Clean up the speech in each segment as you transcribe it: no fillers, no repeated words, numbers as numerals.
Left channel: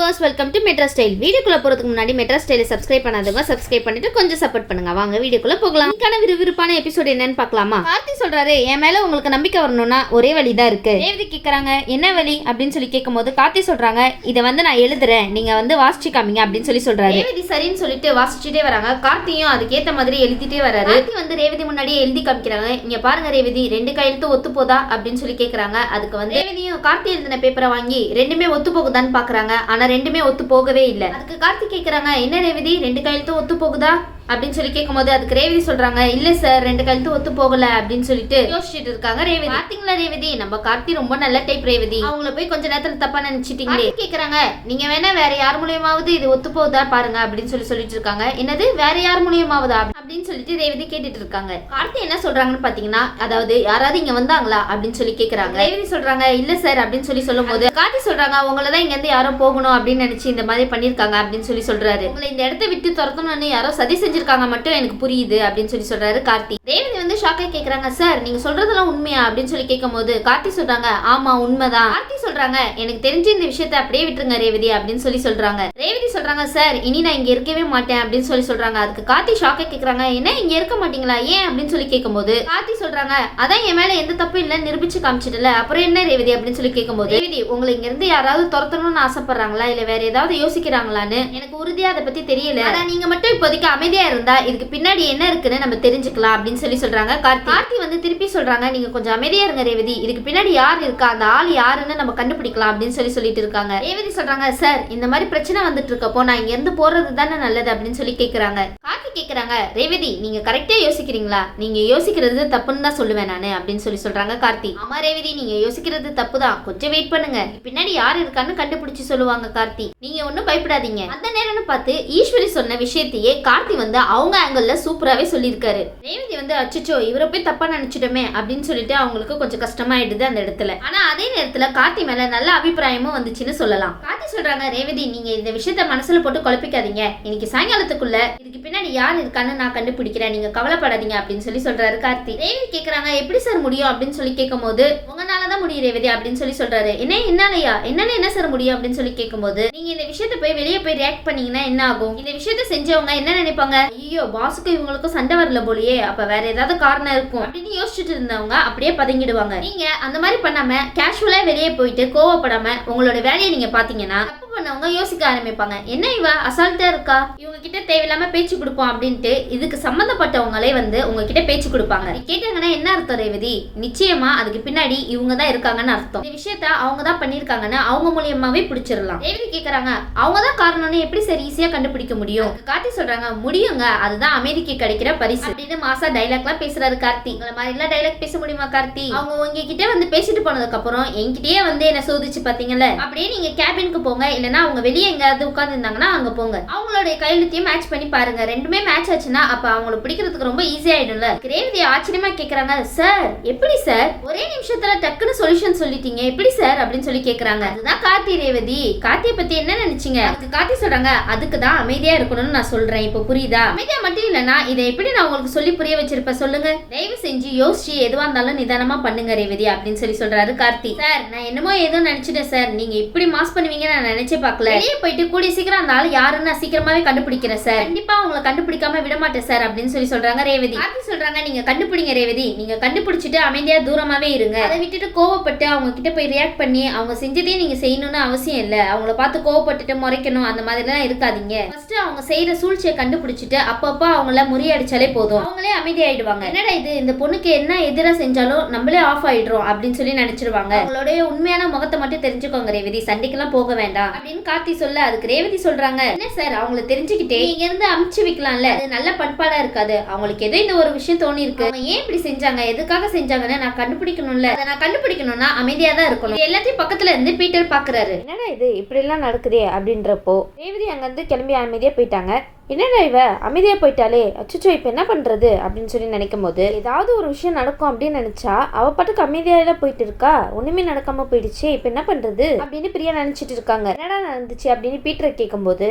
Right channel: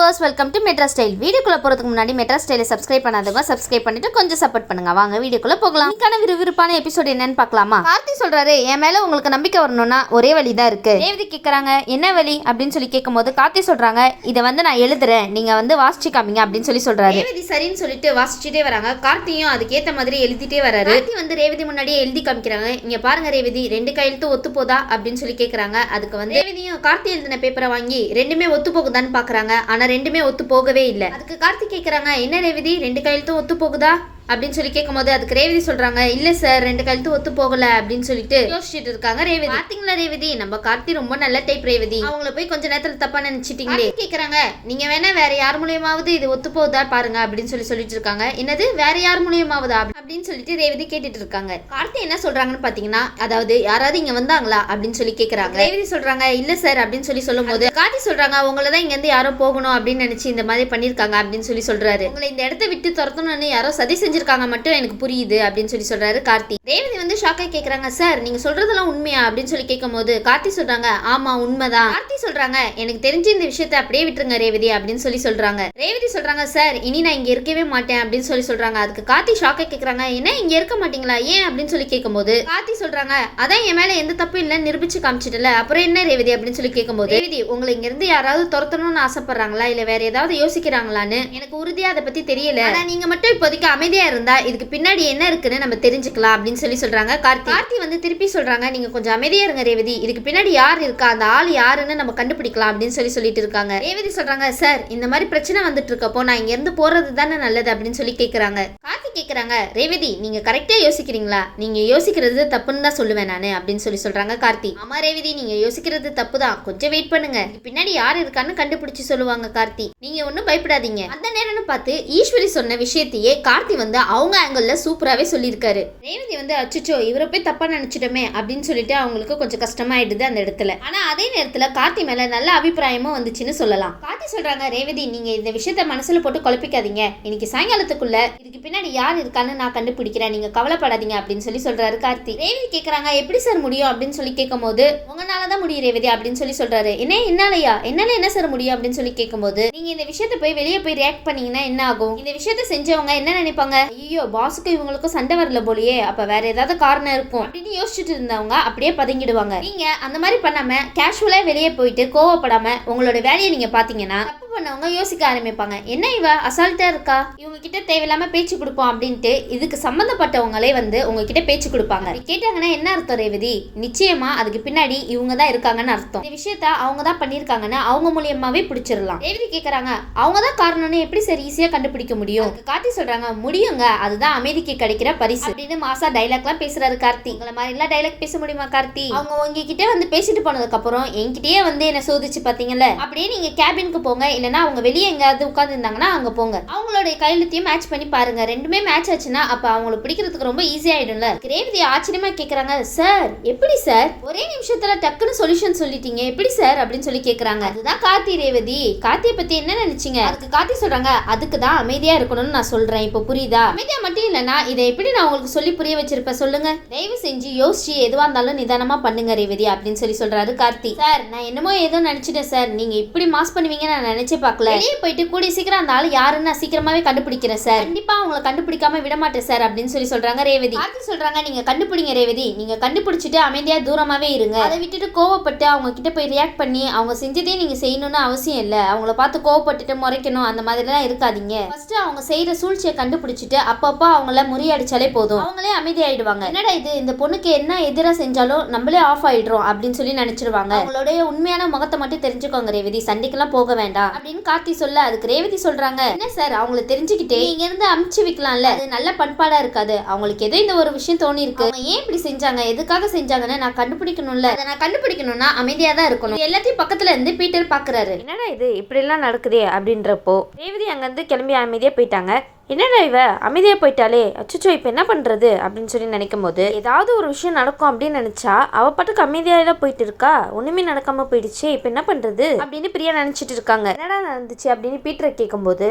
Viewers, welcome to metro style. வீடியோக்குள்ள போறதுக்கு முன்னாடி மெட்ரா ஸ்டைலை சப்ஸ்கிரைப் பண்ணாதவங்க சப்ஸ்கிரைப் பண்ணிட்டு கொஞ்சம் சப்போர்ட் பண்ணுங்க. வாங்க வீடியோக்குள்ள போகலாம். இன்னைக்கான விறுவிறுப்பான எபிசோட் என்னன்னு பார்க்கலாமா? கார்த்தி சொல்றாரு, என் மேல உங்களுக்கு நம்பிக்கை வரணும்னா ஒரே வழி தான் இருக்கு. ரேவதி கேக்குறாங்க, என்ன வழி அப்படின்னு சொல்லி கேட்கும்போது கார்த்தி சொல்றாங்க, இதை நான் எழுதுறேன், நீங்க வாசிச்சு காமிங்க அப்படின்னு சொல்றாரு. ரேவதி சரின்னு சொல்லிட்டு வாசிச்சுட்டே வராங்க. கார்த்தியும் அதுக்கேத்த மாதிரி எழுதிட்டே வராரு. கார்த்தி ரேவதி முன்னாடியே எழுதி காமிக்கிறாங்க. இங்க பாருங்க ரேவதி, 2 கையெழுத்து ஒத்து போதா அப்படின்னு சொல்லி கேக்குறாங்க. அதுக்கு ரேவதியும் கார்த்தி எழுதின பேப்பரை வாங்கி ரெண்டுமே ஒத்து போகுதான்னு பாக்குறாங்க. ஆனா ரெண்டுமே ஒத்து போகவே இல்லை. அதுக்கு கார்த்தி கேக்குறாங்க, என்ன ரேவதி 2 கையெழுத்தும் ஒத்து போகுதா அப்படின்னு சொல்லி கேட்கும்போது அதுக்கு ரேவதி சொல்றாங்க, இல்ல சார் 2 கையெழுத்து ஒத்து போகல அப்படின்னு சொல்லிட்டு யோசிச்சுட்டு இருக்காங்க. ரேவதி பாத்தீங்களா ரேவதி, நம்ம கார்த்தி ரொம்ப நல்ல டைப் ரேவதி, அவங்கள போய் கொஞ்ச நேரத்துல தப்பா நினைச்சிட்டீங்களே கேக்குறாங்க. நீங்க வேணா வேற யார் மூலியமாவது இது ஒத்து போகுதா பாருங்க அப்படின்னு சொல்லிட்டு இருக்காங்க. என்னது வேற யார் மூலியமாவதா அப்படின்னு சொல்லிட்டு ரேவதி கேட்டுட்டு இருக்காங்க. கார்த்தி என்ன சொல்றாங்கன்னு பாத்தீங்கன்னா, அதாவது யாராவது இங்க வந்தாங்களா அப்படின்னு சொல்லி கேக்குறாங்க. ரேவதி சொல்றாங்க, இல்ல சார் அப்படின்னு சொல்லும் போது கார்த்தி சொல்றாங்க, உங்களதான் இங்க இருந்து யாரோ போகணும் அப்படின்னு நினைச்சு இந்த மாதிரி பண்ணிருக்காங்க அப்படின்னு சொல்றாரு. உங்களை இந்த இடத்த விட்டு துரத்தணும்னு யாரோ சதி செஞ்சிருக்காங்க மட்டும் எனக்கு புரியுது அப்படின்னு சொல்றாரு கார்த்தி. ரேவதி ஷாக்கா கேக்குறாங்க, சார் நீங்க சொல்றதெல்லாம் உண்மையா அப்படின்னு சொல்லி கேட்கும்போது கார்த்தி சொல்றாங்க, ஆமா உண்மைதான். கார்த்தி சொல்றாங்க, எனக்கு தெரிஞ்ச இந்த விஷயத்தை அப்படியே விட்டுருங்க ரேவதி அப்படின்னு சொல்றாங்க. ரேவதி சொல்றாங்க, சார் இனி நான் இங்க இருக்கவே மாட்டேன் அப்படின்னு சொல்றாங்க. அதுக்கு கார்த்தி ஷாக்கா கேக்குறாங்க, என்ன இங்க இருக்க மாட்டீங்களா ஏன் அப்படின்னு கேட்கும்போது கார்த்தி சொல்றாங்க, அதான் என் மேல எந்த தப்பு இல்ல நிரூபிச்சு காமிச்சிட்டல, அப்புறம் என்ன ரேவதி அப்படின்னு கேட்கும்போது, ரேவதி உங்களை இங்க இருந்து யாராவது துரத்தணும்னு ஆசைப்படுறாங்களா இல்ல வேற ஏதாவது யோசிக்கிறாங்களான்னு எனக்கு உறுதியா அதை பத்தி தெரியல. ஆனா நீங்க மட்டும் இப்போதைக்கு அமைதியா இருந்தா இதுக்கு பின்னாடி என்ன இருக்குன்னு நம்ம தெரிஞ்சுக்கலாம் அப்படின்னு சொல்றாங்க. கார்த்தி திருப்பி சொல்றாங்க, நீங்க கொஞ்சம் அமைதியா இருங்க ரேவதி, இதுக்கு பின்னாடி யார் இருக்கா, அந்த ஆள் யாருன்னு நம்ம கண்டுபிடிக்கலாம் அப்படின்னு சொல்லிட்டு இருக்காங்க. ரேவதி சொல்றாங்க, சார் இந்த மாதிரி பிரச்சனை வந்துட்டு இருக்கப்போ நான் இங்க இருந்து போறது தானே நல்லது அப்படின்னு கேக்குறாங்க. கார்த்தி கேக்குறாங்க, ரேவதி நீங்க கரெக்டா யோசிக்கிறீங்களா, நீங்க யோசிக்கிறது தப்புன்னு தான் சொல்லுவேன் நானு அப்படின்னு சொல்றாங்க கார்த்தி. ஆமா ரேவதி நீங்க யோசிக்கிறது தப்பு தான், கொஞ்சம் வெயிட் பண்ணுங்க, பின்னாடி யார் இருக்கான்னு கண்டுபிடிச்சு சொல்லுவாங்க கார்த்தி. நீங்க ஒன்னும் பயப்படாதீங்க. அந்த நேரம்னு பார்த்து ஈஸ்வரி சொன்ன விஷயத்தையே கார்த்தி அவங்க ஆங்கிள் சூப்பராகவே சொல்லியிருக்காரு. ரேவதி அச்சோ இவரை போய் தப்பா நினைச்சிட்டோமே அப்படின்னு சொல்லிட்டு அவங்களுக்கு கொஞ்சம் கஷ்டமாயிடுது அந்த இடத்துல. ஆனா அதே நேரத்துல கார்த்தி மேல நல்ல அபிப்பிராயமும் வந்துச்சுன்னு சொல்லலாம். கார்த்தி சொல்றாங்க, ரேவதி நீங்க இந்த விஷயத்த மனசுல போட்டு குழப்பிக்காதீங்க, இன்னைக்கு சாயங்காலத்துக்குள்ள இதுக்கு பின்னாடி யார் இருக்கான்னு நான் கண்டுபிடிக்கிறேன், நீங்க கவலைப்படாதீங்க அப்படின்னு சொல்றாரு கார்த்தி. ரேவதி கேக்குறாங்க, எப்படி சார் முடியும் அப்படின்னு கேட்கும் போது, உங்களாலதான் முடியும் ரேவதி அப்படின்னு சொல்றாரு. என்னாலயா என்னால என்ன சார் முடியும் அப்படின்னு கேட்கும்போது, நீங்க இந்த விஷயத்த போய் வெளியே போய் ரியாக்ட் பண்ணீங்கன்னா என்ன ஆகும், இந்த விஷயத்த செஞ்சவங்க என்ன நினைப்பாங்க, ஐயோ பாஸுக்கு இவங்களுக்கும் சண்டை வரல போலியே, அப்ப வேற ஏதாவது காரணம் இருக்கும் அப்படின்னு யோசிச்சுட்டு இருந்தவங்க அப்படியே பதுங்கிடுவாங்க. நீங்க அந்த மாதிரி பண்ணாம கேஷுவலா வெளியே போயிட்டு கோவப்படாம உங்களோட வேலையை நீங்க பாத்தீங்கன்னா தப்பு பண்ணவங்க யோசிக்க ஆரம்பிப்பாங்க, என்ன இவ அசால்ட்டா இருக்கா, இவங்க கிட்ட தேவையில்லாம பேச்சு கொடுப்போம் அப்படின்ட்டு இதுக்கு சம்பந்தப்பட்டவங்களே உங்ககிட்ட பேச்சு கொடுப்பாங்க. கேட்டாங்கன்னா என்ன அர்த்தம் ரேவதி, நிச்சயமா அதுக்கு பின்னாடி இவங்க தான் இருக்காங்கன்னு அர்த்தம். இந்த விஷயத்த அவங்க தான் பண்ணிருக்காங்கன்னு அவங்க மூலியமாவே பிடிச்சிடலாம். ரேவதி கேக்குறாங்க, அவங்க தான் காரணம்னு எப்படி சரி ஈஸியா கண்டுபிடிக்க முடியும். கார்த்தி சொல்றாங்க, முடியுங்க, அதுதான் அமைதிக்கு கிடைக்கிற பரிசு அப்படின்னு மாசா டைலாக்லாம் பேசுறாரு கார்த்தி. உங்களை மாதிரி எல்லாம் டைலாக் பேச முடியுமா கார்த்தி, அவங்க உங்ககிட்ட பேசிட்டு போனதுக்கு அப்புறம் என்கிட்டயே என்ன சோதிச்சு பாத்தீங்கல்ல, அப்படியே நீங்க கேபினுக்கு போங்க, இல்லனா அவங்க வெளியே எங்கயாவது உட்கார்ந்து இருந்தாங்கன்னா அங்க போங்க, அவங்களுடைய கையெழுத்தையும் மேட்ச் பண்ணி பாருங்க, ரெண்டுமே மேட்ச் ஆச்சுன்னா அப்ப அவங்களை பிடிக்கிறதுக்கு ரொம்ப ஈஸி ஆயிடும்ல. ரேவதி ஆச்சரியமா கேக்குறாங்க, சார் எப்படி சார் ஒரே நிமிஷத்துல டக்குன்னு சொல்யூஷன் சொல்லிட்டீங்க, எப்படி சார் அப்படின்னு கேக்குறாங்க. அதுதான் கார்த்தி. ரேவதி கார்த்தியை பத்தி என்ன நினைச்சீங்க, அதுக்கு கார்த்தி சொல்றாங்க, அதுக்கு தான் அமைதியா இருக்கணும்னு நான் சொல்றேன், இப்ப புரியுதா, அமைதியா மட்டும் இல்லனா இதை எப்படி நான் உங்களுக்கு சொல்லி புரிய வச்சிருப்பேன் சொல்லுங்க, தயவு செஞ்சு யோசிச்சு எதுவா இருந்தாலும் நிதானமா பண்ணுங்க ரேவதி அப்படின்னு சொல்றாரு கார்த்தி. சார் நான் என்னமோ ஏதோ நினைச்சிட்டேன் சார், நீங்க இப்படி மாஸ் பண்ணுவீங்கன்னு நான் நினைச்சே பார்க்கல, வெளியே போயிட்டு கூடிய சீக்கிரம் அந்த ஆள் யாருன்னு நான் சீக்கிரமாவே கண்டுபிடிக்கிறேன் சார், கண்டிப்பா அவங்களை கண்டுபிடிக்காம விட மாட்டேன் சார் அப்படின்னு சொல்றாங்க ரேவதி. கார்த்தி சொல்றாங்க, நீங்க கண்டுபிடிங்க ரேவதி, நீங்க கண்டுபிடிச்சிட்டு அமைதியா தூரமாவே இருங்க, அதை விட்டுட்டு கோவப்பட்டு அவங்க கிட்ட போய் ரியாக்ட் பண்ணி அவங்க செஞ்சதே நீங்க செய்யணும்னு அவசியம் இல்ல, அவங்கள பார்த்து கோவப்பட்டுட்டு முறைக்கணும் அந்த மாதிரி எல்லாம் இருக்காதீங்க, ஃபர்ஸ்ட் அவங்க செய்யற சூழ்ச்சியை கண்டுபிடிச்சிட்டு அப்பப்போ அவங்கள முறியடிச்சாலே போதும், அவங்களே அமைதியாயிடுவாங்க. என்னடா இது இந்த பொண்ணுக்கு என்ன எதிராக செஞ்சாலும் நம்மளே ஆஃப் ஆயிடுறோம் அப்படின்னு சொல்லி நினைச்சிருவாங்க, அவங்களுடைய உண்மையான முகத்தை மட்டும் தெரிஞ்சுக்கோங்க ரேவதி, சண்டைக்கெல்லாம் போக வேண்டாம் அப்படின்னு கார்த்தி சொல்ல, அதுக்கு ரேவதி சொல்றாங்க, என்ன சார் அவங்களை தெரிஞ்சுக்கிட்டே இங்க இருந்து அமுச்சு வைக்கலாம்ல, அது நல்ல பண்பாடா இருக்காது, அவங்களுக்கு ஏதோ இந்த ஒரு விஷயம் தோணி இருக்கு, அவங்க ஏன் இப்படி செஞ்சாங்க எதுக்காக செஞ்சாங்கன்னு நான் கண்டுபிடிக்கணும்ல, அதை நான் கண்டுபிடிக்கணும்னா அமைதியா தான் இருக்கணும், எல்லாத்தையும் பக்கத்துல இருந்து பீட்டர் பாக்குறாரு, என்னடா இது இப்படி எல்லாம் நடக்குதே அப்படின்றப்போ ரேவதி அங்க இருந்து கிளம்பி அமைதியா போயிட்டாங்க. என்னடா இவ அமைதியாக போயிட்டாலே, அச்சோ இப்போ என்ன பண்ணுறது அப்படின்னு சொல்லி நினைக்கும் போது ஏதாவது ஒரு விஷயம் நடக்கும் அப்படின்னு நினச்சா அவள் பாட்டுக்கு அமைதியாக போயிட்டு இருக்கா, ஒன்றுமே நடக்காமல் போயிடுச்சு, இப்போ என்ன பண்ணுறது அப்படின்னு பிரியா நினச்சிட்டு இருக்காங்க. என்னடா நடந்துச்சு அப்படின்னு பீட்டரை கேட்கும்போது,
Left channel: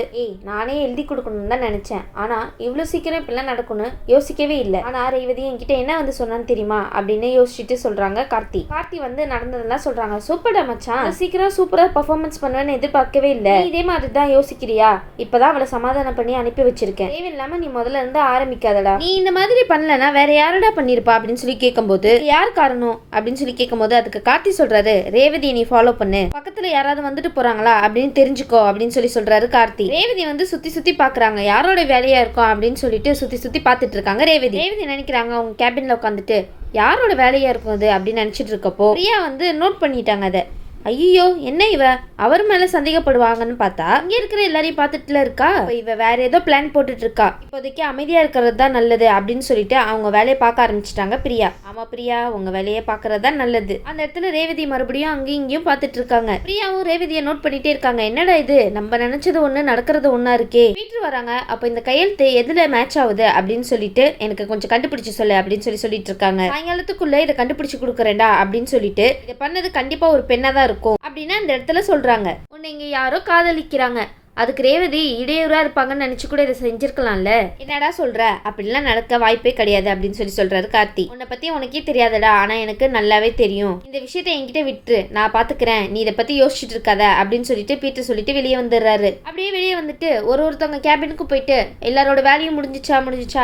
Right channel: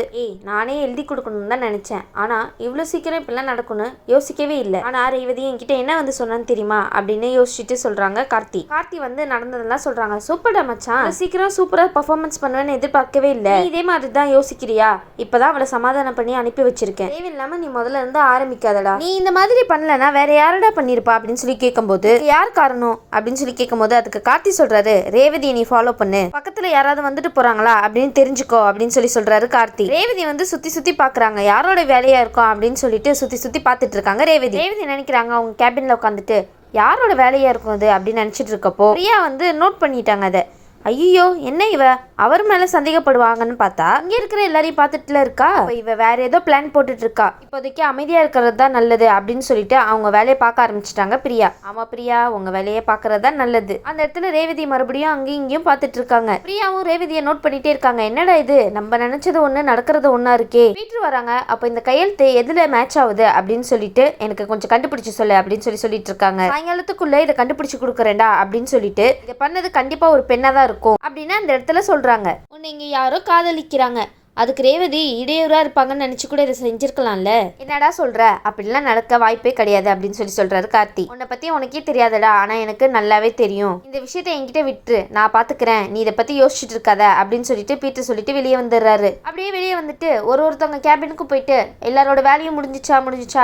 நானே எழுதி கொடுக்கணும்னு தான் நினச்சேன், ஆனால் இவ்வளோ சீக்கிரம் இப்படிலாம் நடக்கும்னு யோசிக்கவே இல்லை. ஆனால் ரேவதி என்கிட்ட என்ன வந்து சொன்னான்னு தெரியுமா அப்படின்னு யோசிச்சுட்டு சொல்கிறாங்க கார்த்தி. கார்த்தி வந்து நடந்ததெல்லாம் சொல்கிறாங்க. சூப்பர்டா மச்சான், சீக்கிரம் சூப்பராக பர்ஃபார்மன்ஸ் பண்ணுவேன்னு எதிர்பார்க்கவே இல்லை, இதே மாதிரி தான் யோசிக்கிறியா, இப்போதான் அவளை சமாதானம் பண்ணி அனுப்பி வச்சிருக்கேன், தேவையில்லாம நீ முதல்ல இருந்து ஆரம்பிக்காதடா, நீ இந்த மாதிரி பண்ணலனா வேற யாரடா பண்ணிருப்பா அப்படின்னு சொல்லி கேட்கும்போது யார் காரணம் அப்படின்னு சொல்லி கேட்கும்போது அதுக்கு கார்த்தி சொல்றாரு, ரேவதியை நீ ஃபாலோ பண்ணு, பக்கத்துல யாராவது வந்துட்டு போறாங்களா அப்படின்னு தெரிஞ்சுக்கோ அப்படின்னு சொல்லி சொல்றாரு கார்த்தி. ரேவதி வந்து சுத்தி சுத்தி பாக்குறாங்க, யாரோட வேலையா இருக்கும் அப்படின்னு சொல்லிட்டு சுத்தி சுத்தி பாத்துட்டு இருக்காங்க. ரேவதி நினைக்கிறாங்க அவங்க கேபின்ல உட்காந்துட்டு யாரோட வேலையா இருக்கும் அது அப்படின்னு நினைச்சிட்டு இருக்கப்போ பிரியா வந்து நோட் பண்ணிட்டாங்க அதை. ஐயோ என்ன இவ அவர் மேல சந்தேகப்படுவாங்கன்னு பார்த்தா இங்க இருக்கிற எல்லாரையும் பார்த்துட்டுல இருக்கா, இவ வேற ஏதோ பிளான் போட்டுட்டு இருக்கா, இப்போதைக்கு அமைதியா இருக்கிறது தான் நல்லது அப்படின்னு சொல்லிட்டு அவங்க வேலையை பார்க்க ஆரம்பிச்சிட்டாங்க பிரியா. ஆமா பிரியா, உங்க வேலையை பார்க்கறது தான் நல்லது. அந்த இடத்துல ரேவதி மறுபடியும் அங்கேயும் இங்கேயும் பார்த்துட்டு இருக்காங்க. பிரியாவும் ரேவதியை நோட் பண்ணிட்டே இருக்காங்க. என்னடா இது, நம்ம நினைச்சது ஒண்ணு நடக்கிறது ஒண்ணா இருக்கே. வீட்டு வராங்க. அப்போ இந்த கையெழுத்து எதுல மேட்ச் ஆகுது அப்படின்னு சொல்லிட்டு எனக்கு கொஞ்சம் கண்டுபிடிச்சு சொல்லு அப்படின்னு சொல்லிட்டு இருக்காங்க. சாயங்காலத்துக்குள்ள இதை கண்டுபிடிச்சு கொடுக்குறேன்டா அப்படின்னு சொல்லிட்டு இதை பண்ணது கண்டிப்பா ஒரு பெண்ணா தான் இருக்கும் அப்படின்னு அந்த இடத்துல சொல்றாங்க. உன்னை இங்க யாரோ காதலிக்கிறாங்க, அதுக்கு ரேவதி இடையூறா இருப்பாங்கன்னு நினைச்சு கூட இதை செஞ்சிருக்கலாம்ல, என்னடா சொல்ற, அப்படிலாம் நடக்க வாய்ப்பே கிடையாது அப்படின்னு சொல்றாரு கார்த்தி. உன்னை பத்தி உனக்கே தெரியாதடா, ஆனா எனக்கு நல்லாவே தெரியும், இந்த விஷயத்த என்கிட்ட விட்டுரு, நான் பாத்துக்கிறேன், நீ இதை பத்தி யோசிச்சுட்டு இருக்காத அப்படின்னு சொல்லிட்டு பீட்டர் சொல்லிட்டு வெளியே வந்துடுறாரு. அப்படியே வெளியே வந்துட்டு ஒருத்தவங்க கேபினுக்கு போயிட்டு எல்லாரோட வேலையும் முடிஞ்சிச்சா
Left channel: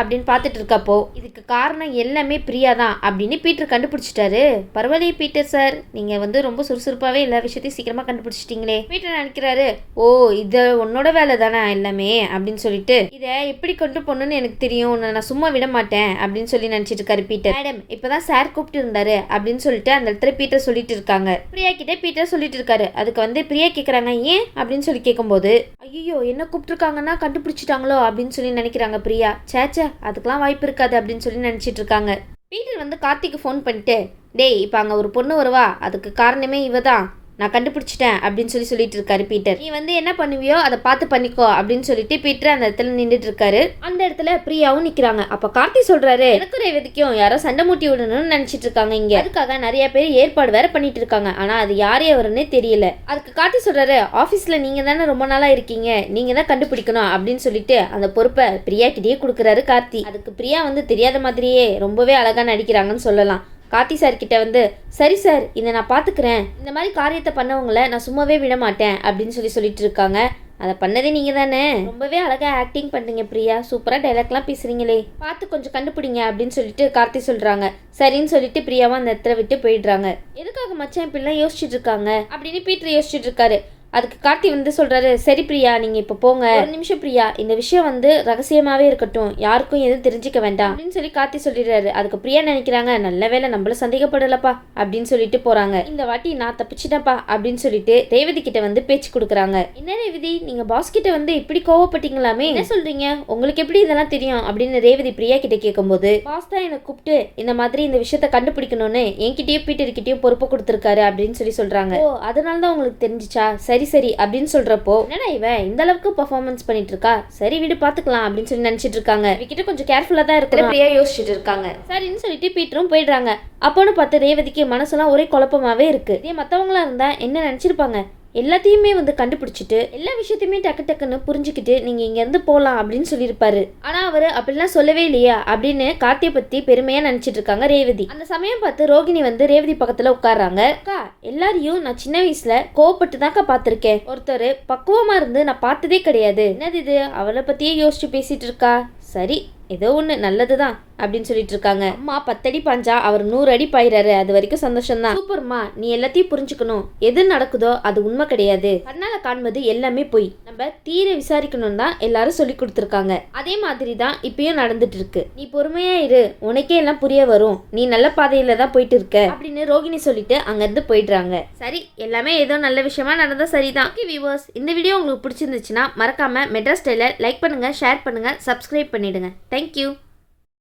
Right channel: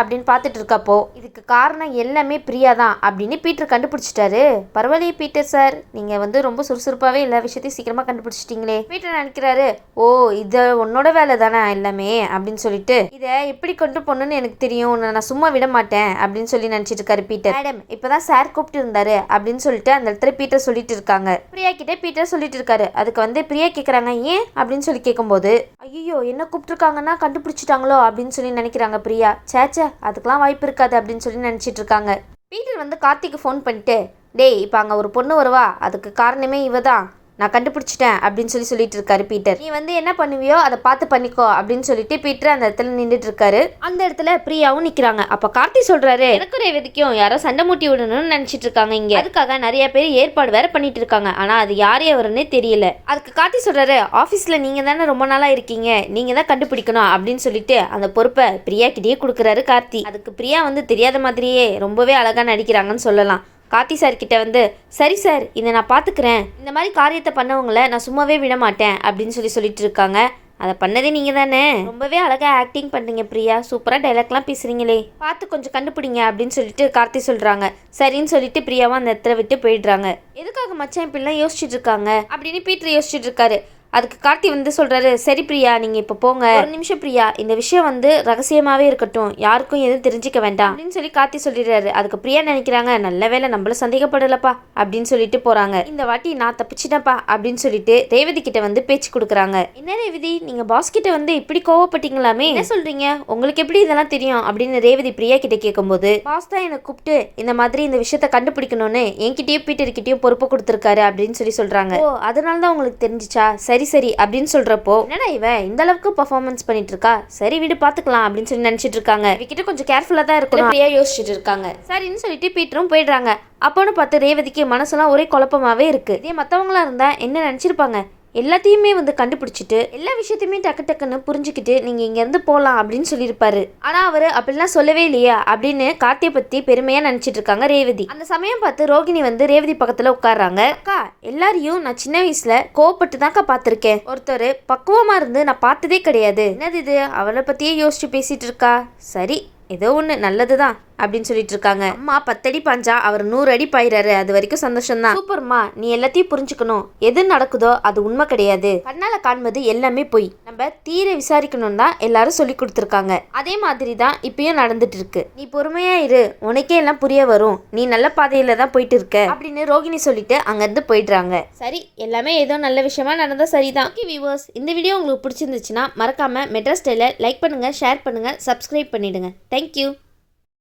அப்படின்னு பார்த்துட்டு இருக்கப்போ இதுக்கு காரணம் எல்லாமே பிரியா தான் அப்படின்னு பீட்டர் கண்டுபிடிச்சிட்டாரு. பரவாயில்லையே பீட்டர் சார், நீங்க வந்து ரொம்ப சுறுசுறுப்பாவே எல்லா விஷயத்தையும் சீக்கிரமா கண்டுபிடிச்சிட்டீங்களே. பீட்டர் நினைக்கிறாரு, ஓ இத உன்னோட வேலை தானே எல்லாமே அப்படின்னு சொல்லிட்டு இதை எப்படி கொண்டு போகணும்னு எனக்கு தெரியும், நான் சும்மா விட மாட்டேன் அப்படின்னு சொல்லி நினைச்சிட்டு இருக்காரு பீட்டர். மேடம் இப்பதான் சார் கூப்பிட்டு இருந்தாரு அப்படின்னு சொல்லிட்டு அந்த இடத்துல பீட்டர் சொல்லிட்டு இருக்காங்க. பிரியா கிட்ட பீட்டர் சொல்லிட்டு இருக்காரு. அதுக்கு வந்து பிரியா கேக்குறாங்க ஏன் அப்படின்னு சொல்லி கேட்கும்போது ஐயோ என்ன கூப்பிட்டுருக்காங்கன்னா கண்டுபிடிச்சிட்டாங்களோ அப்படின்னு சொல்லி நினைக்கிறாங்க பிரியா. சேச்சே அதுக்கெல்லாம் வாய்ப்பு இருக்காது அப்படின்னு சொல்லி நினைச்சிட்டு இருக்காங்க. பீட்டர் வந்து கார்த்திக்கு ஃபோன் பண்ணிட்டு, டேய் இப்போ அங்கே ஒரு பொண்ணு வருவா, அதுக்கு காரணமே இவ தான், நான் கண்டுபிடிச்சிட்டேன் அப்படின்னு சொல்லிட்டு இருக்காரு பீட்டர். நீ வந்து என்ன பண்ணுவியோ அதை பார்த்து பண்ணிக்கோ அப்படின்னு சொல்லிட்டு பீட்டர் அந்த இடத்துல நின்றுட்டு இருக்காரு. அந்த இடத்துல பிரியாவும் நிக்கிறாங்க. அப்ப கார்த்தி சொல்றாரு, எனக்கு ரேவதிக்கும் யாரோ சண்டை மூட்டி விடணும்னு நினைச்சிட்டு இருக்காங்க இங்க, அதுக்காக நிறைய பேர் ஏற்பாடு வேற பண்ணிட்டு இருக்காங்க, ஆனா அது யாரே அவருன்னே தெரியல. அதுக்கு கார்த்தி சொல்றாரு, ஆபீஸ்ல நீங்க தானே ரொம்ப நாளா இருக்கீங்க, நீங்க தான் கண்டுபிடிக்கணும் அப்படின்னு சொல்லிட்டு அந்த பொறுப்பை பிரியா கிட்டேயே கொடுக்குறாரு கார்த்தி. அதுக்கு பிரியா வந்து தெரியாத மாதிரியே ரொம்பவே அழகா நடிக்கிறாங்கன்னு சொல்லலாம். கார்த்தி சார் கிட்ட வந்து சரி சார் இதை நான் பார்த்துக்கிறேன், இந்த மாதிரி காரியத்தை பண்ணவங்கள நான் சும்மாவே விட மாட்டேன் அப்படின்னு சொல்லிட்டு இருக்காங்க. அதை பண்ணதே நீங்க தானே, ரொம்பவே அழகா ஆக்டிங் பண்றீங்க பிரியா, சூப்பரா டைலாக்லாம் பேசுறீங்களே, பார்த்து கொஞ்சம் கண்டுபிடிங்க அப்படின்னு சொல்லிட்டு கார்த்தி சொல்றாங்க. சரின்னு சொல்லிட்டு பிரியாவும் அந்த இடத்துல விட்டு போயிடுறாங்க. எதுக்காக மச்சான் இப்படிலாம் யோசிச்சுட்டு இருக்காங்க அப்படின்னு பீட்டர் யோசிச்சுட்டு இருக்காரு. அதுக்கு கார்த்தி வந்து சொல்றாரு, சரி பிரியா நீங்க இப்ப போங்க, ஒரு நிமிஷம் பிரியா, இந்த விஷயம் வந்து ரகசியமாவே இருக்கட்டும், யாருக்கும் எதுவும் தெரிஞ்சுக்க வேண்டாம் அப்படின்னு சொல்லி கார்த்தி சொல்லிடுறாரு. அதுக்கு பிரியா நினைக்கிறாங்க, நல்ல வேலை நம்மள சந்தேகப்படலப்பா அப்படின்னு சொல்லிட்டு போறாங்க. இந்த வாட்டி நான் தப்பிச்சிட்டேன்ப்பா அப்படின்னு சொல்லிட்டு ரேவதி கிட்ட வந்து பேச்சு கொடுக்குறாங்க. என்ன ரேவதி நீங்க பாஸ் கிட்ட வந்து இப்படி கோவப்பட்டீங்களாமே, என்ன சொல்றீங்க, உங்களுக்கு எப்படி இதெல்லாம் தெரியும் அப்படின்னு ரேவதி பிரியா கிட்ட கேட்கும்போது, பாஸ் தான் எனக்கு கூப்பிட்டு இந்த மாதிரி இந்த விஷயத்த கண்டுபிடிக்கணும்னு என்கிட்டயும் பீட்டர் கிட்டயும் பொறுப்பு கொடுத்துருக்காரு அப்படின்னு சொல்றாங்க. ஓ அதனாலதான் உங்களுக்கு தெரிஞ்சிச்சா, சரி சரி அப்படின்னு சொல்றப்போ என்னடா இவன் இந்த அளவுக்கு பெர்ஃபார்மன்ஸ் பண்ணிட்டு இருக்கா, சரி வீடு பாத்துக்கலாம் அப்படின்னு சொல்லி நினைச்சிட்டு இருக்காங்க. இவகிட்ட கொஞ்சம் கேர்ஃபுல்லா தான் இருக்கணும் பிரியா யோசிச்சுட்டு இருக்காங்க. சரின்னு சொல்லிட்டு பீட்டரும் போயிடுறாங்க. அப்போன்னு பார்த்து ரேவதிக்கு மனசெல்லாம் ஒரே குழப்பமாவே இருக்கு. இதே மத்தவங்களா இருந்தா என்ன நினைச்சிருப்பாங்க, எல்லாத்தையுமே வந்து கண்டுபிடிச்சிட்டு எல்லா விஷயத்தையுமே டக்குன்னு புரிஞ்சுக்கிட்டு நீங்க இங்க இருந்து போலாம் அப்படின்னு சொல்லியிருப்பாரு. ஆனா அவரு அப்படிலாம் சொல்லவே இல்லையா அப்படின்னு கார்த்தியை பத்தி பெருமையா நினைச்சிட்டு இருக்காங்க ரேவதி. அந்த சமயம் பார்த்து ரோகிணி வந்து ரேவதி பக்கத்துல உட்கார்றாங்க. அக்கா எல்லாரையும் நான் சின்ன வயசுல கோவப்பட்டு தான்க்கா பார்த்திருக்கேன், ஒருத்தர் பக்குவமா இருந்து நான் பார்த்ததே கிடையாது, என்னது இது அவளை பத்தியே யோசிச்சு பேசிட்டு இருக்கா, சரி ஏதோ ஒன்று நல்லதுதான் அப்படின்னு சொல்லிட்டு இருக்காங்க. அம்மா 10 அடி பாஞ்சா அவர் 100 அடி பாயிறாரு, அது வரைக்கும் சந்தோஷம் தான். சூப்பர்மா, நீ எல்லாத்தையும் புரிஞ்சுக்கணும், எது நடக்குதோ அது உண்மை கிடையாது, கண்ணால காண்பது எல்லாமே போய், நம்ம தீர விசாரிக்கணும் தான் எல்லாரும் சொல்லி கொடுத்துருக்காங்க. அதே மாதிரி தான் இப்பயும் நடந்துட்டு இருக்கு, நீ பொறுமையா இரு, உனக்கே எல்லாம் புரிய வரும், நீ நல்ல பாதையில தான் போயிட்டு இருக்க அப்படின்னு ரோகிணி சொல்லிட்டு அங்க இருந்து போயிடுறாங்க. சரி எல்லாமே ஏதோ நல்ல விஷயமா நடந்தா சரிதான். வியூவர்ஸ் இந்த வீடியோ உங்களுக்கு பிடிச்சிருந்துச்சுன்னா மறக்காம மெட்ராஸ் ஸ்டைலை லைக் பண்ணுங்க, ஷேர் பண்ணுங்க, சப்ஸ்கிரைப் பண்ணிடுங்க. Thank you.